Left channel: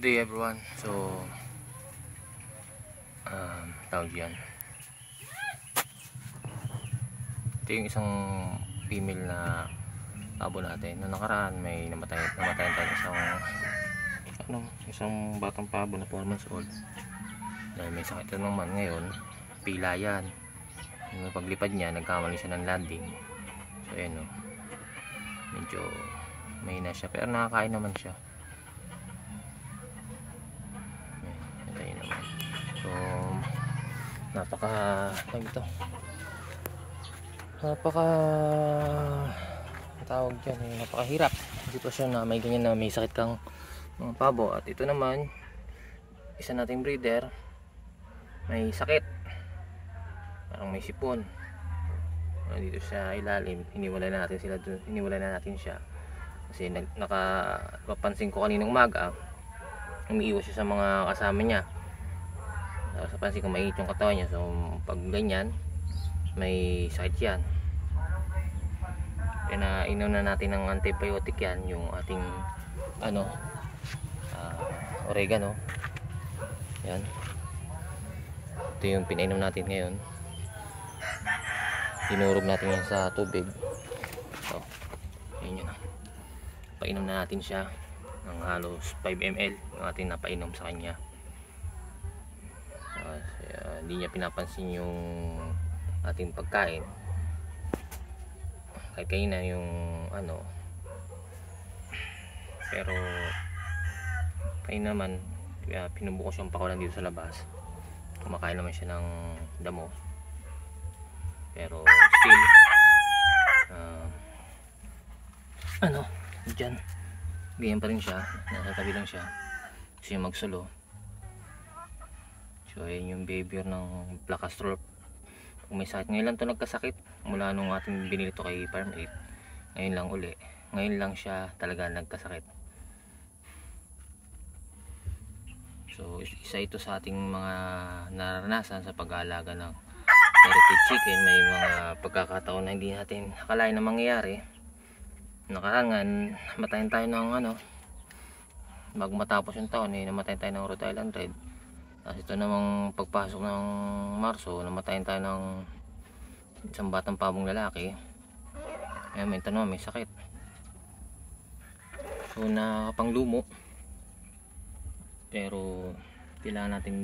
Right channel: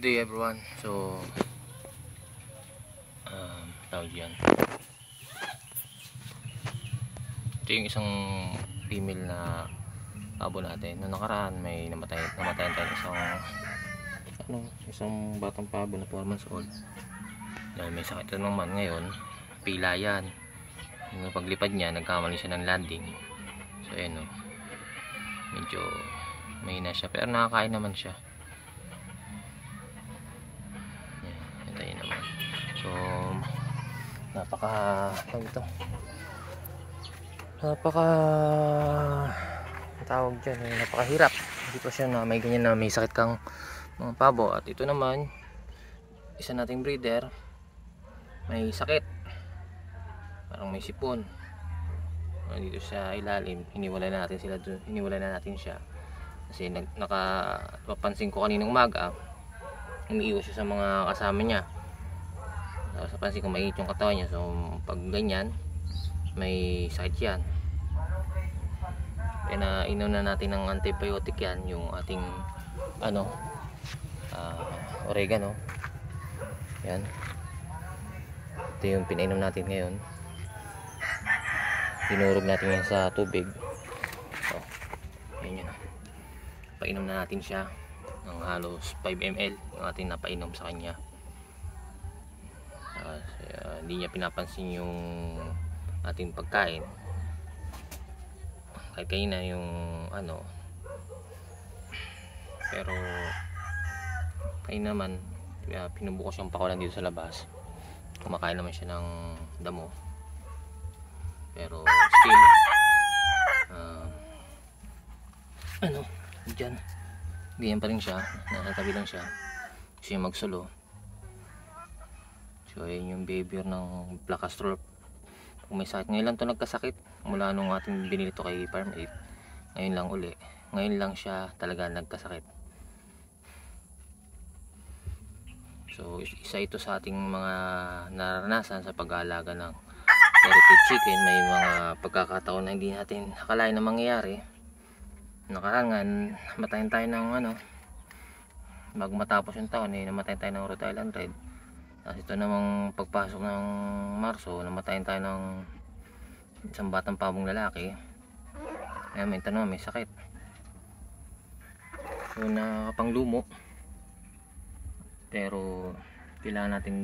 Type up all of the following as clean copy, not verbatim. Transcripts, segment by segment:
Good day everyone. So tawag yan, ito yung isang female na pabo natin. Noong nakaraan may namatayan tayo isang batang pabo na 4 months old dahil may sakit naman. Ngayon pila yan, yung paglipad niya nagkamali siya ng landing. So ayan medyo mahina siya pero nakakain naman siya. So napaka tawag dyan napakahirap sitwasyon na may ganyan na may sakit kang mga pabo. At ito naman isa nating breeder may sakit, parang may sipon dito sa ilalim. Hiniwalay na natin siya kasi nakapansin ko kaninang umaga umiiwas siya sa mga kasama niya. Tapos napansin ko mainit yung katawan niya. So pag ganyan may sakit yan. Inom na natin ng antibiotic yan, yung ating oregano. Yan, ito yung pinainom natin ngayon. Dinurog natin yan sa tubig. So yun painom na natin siya ng halos 5 ml yung ating napainom sa kanya. Hindi niya pinapansin yung ating pagkain. Kahit kanina yung pero kain naman pinubukas yung pakulan dito sa labas. Kumakain naman siya ng damo pero still dyan ganyan pa rin siya, nakatabi lang siya kasi magsulo. So yun yung behavior ng Black Astrolop kung may sakit. Ngayon lang ito nagkasakit mula nung ating binili ito kay Farm 8. Ngayon lang siya talaga nagkasakit. So isa ito sa ating mga naranasan sa pag-aalaga ng heritage chicken. May mga pagkakataon na hindi natin akalain na mangyayari. Nakarangan namatayan tayo ng bago matapos yung taon namatayan tayo ng Rhode Island Red. Tapos ito namang pagpasok ng Marso namatayan tayo ng isang batang pabong lalaki. Ayan, may tanong, may sakit. So nakapanglumo pero kailangan natin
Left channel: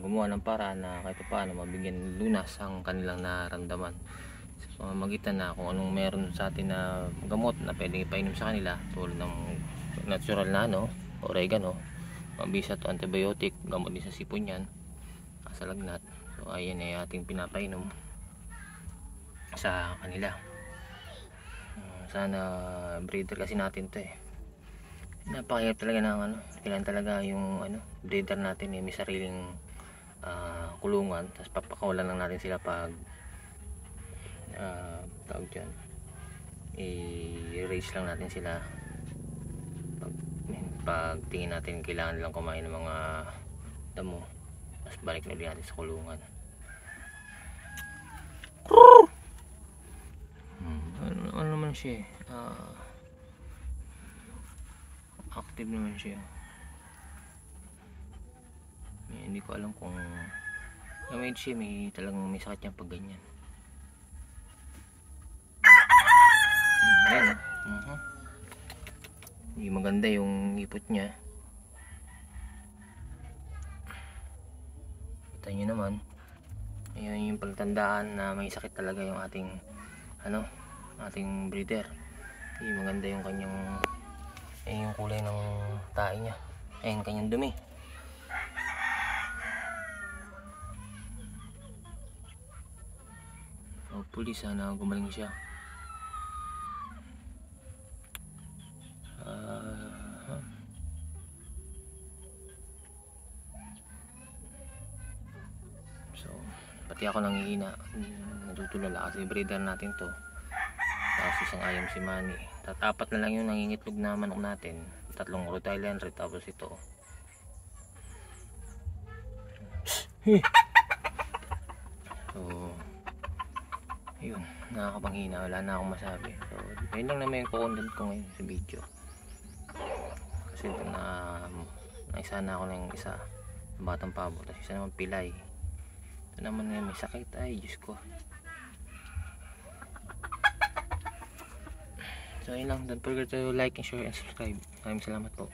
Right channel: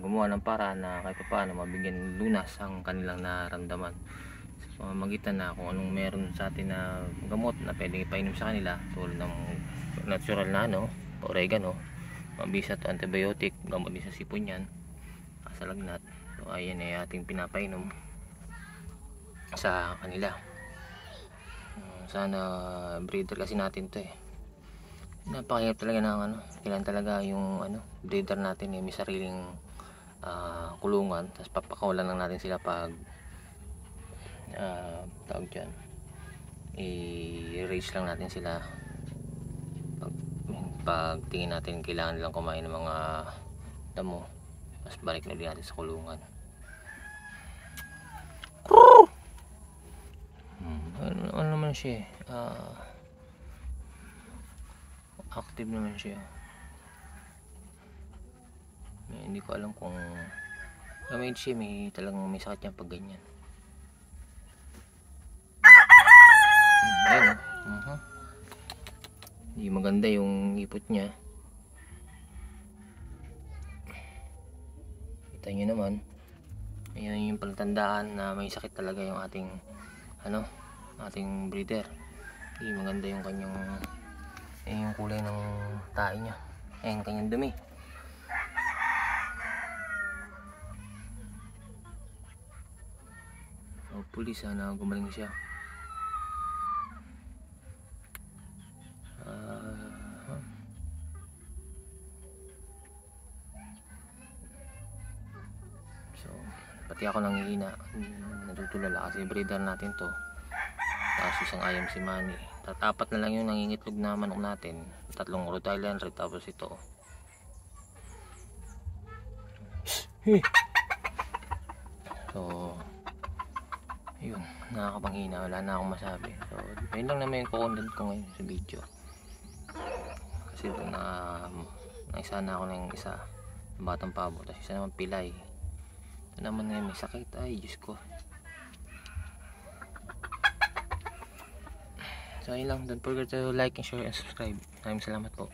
gumawa ng paraan na kahit paano mabigyan lunas ang kanilang nararamdaman sa pamamagitan na kung anong meron sa atin na gamot na pwedeng ipainom sa kanila tulad ng natural na oregano, mabisa to antibiotic, gamot din sa sipon yan, sa lagnat. So ayan ay ating pinapainom sa kanila. Sana breeder kasi natin to napakahirap talaga ng kailan talaga yung breeder natin may sariling kulungan. Tapos papakawalan lang natin sila pag tawag dyan, i-raise lang natin sila pag tingin natin kailangan nilang kumain ng mga damo. Mas balik na din natin sa kulungan. Ano naman siya active naman siya. Hindi ko alam kung may talagang may sakit niya pag ganyan. Ayan hindi maganda yung ipot niya. Kita nyo naman, ayan yung palatandaan na may sakit talaga yung ating ating breeder. Hindi maganda yung kanyang yung kulay ng tae niya, ayan kanyang dumi. Hopefully sana gumaling siya. So pati ako nangihina, natutulala kasi breeder natin to. Tapos isang ayam si Manny, tatapat na lang yung nangingitlog na manok natin, 3 Rhode Island Red, tapos ito so yun, nakakapanghina, wala na akong masabi. So yun lang naman yung content ko ngayon sa video kasi ito na Isa na ako ng isa ng batang pabo, tapos isa naman pilay. Ito naman ngayon may sakit, ay Diyos ko. So yun lang, don't forget to like and share and subscribe. Maraming salamat po.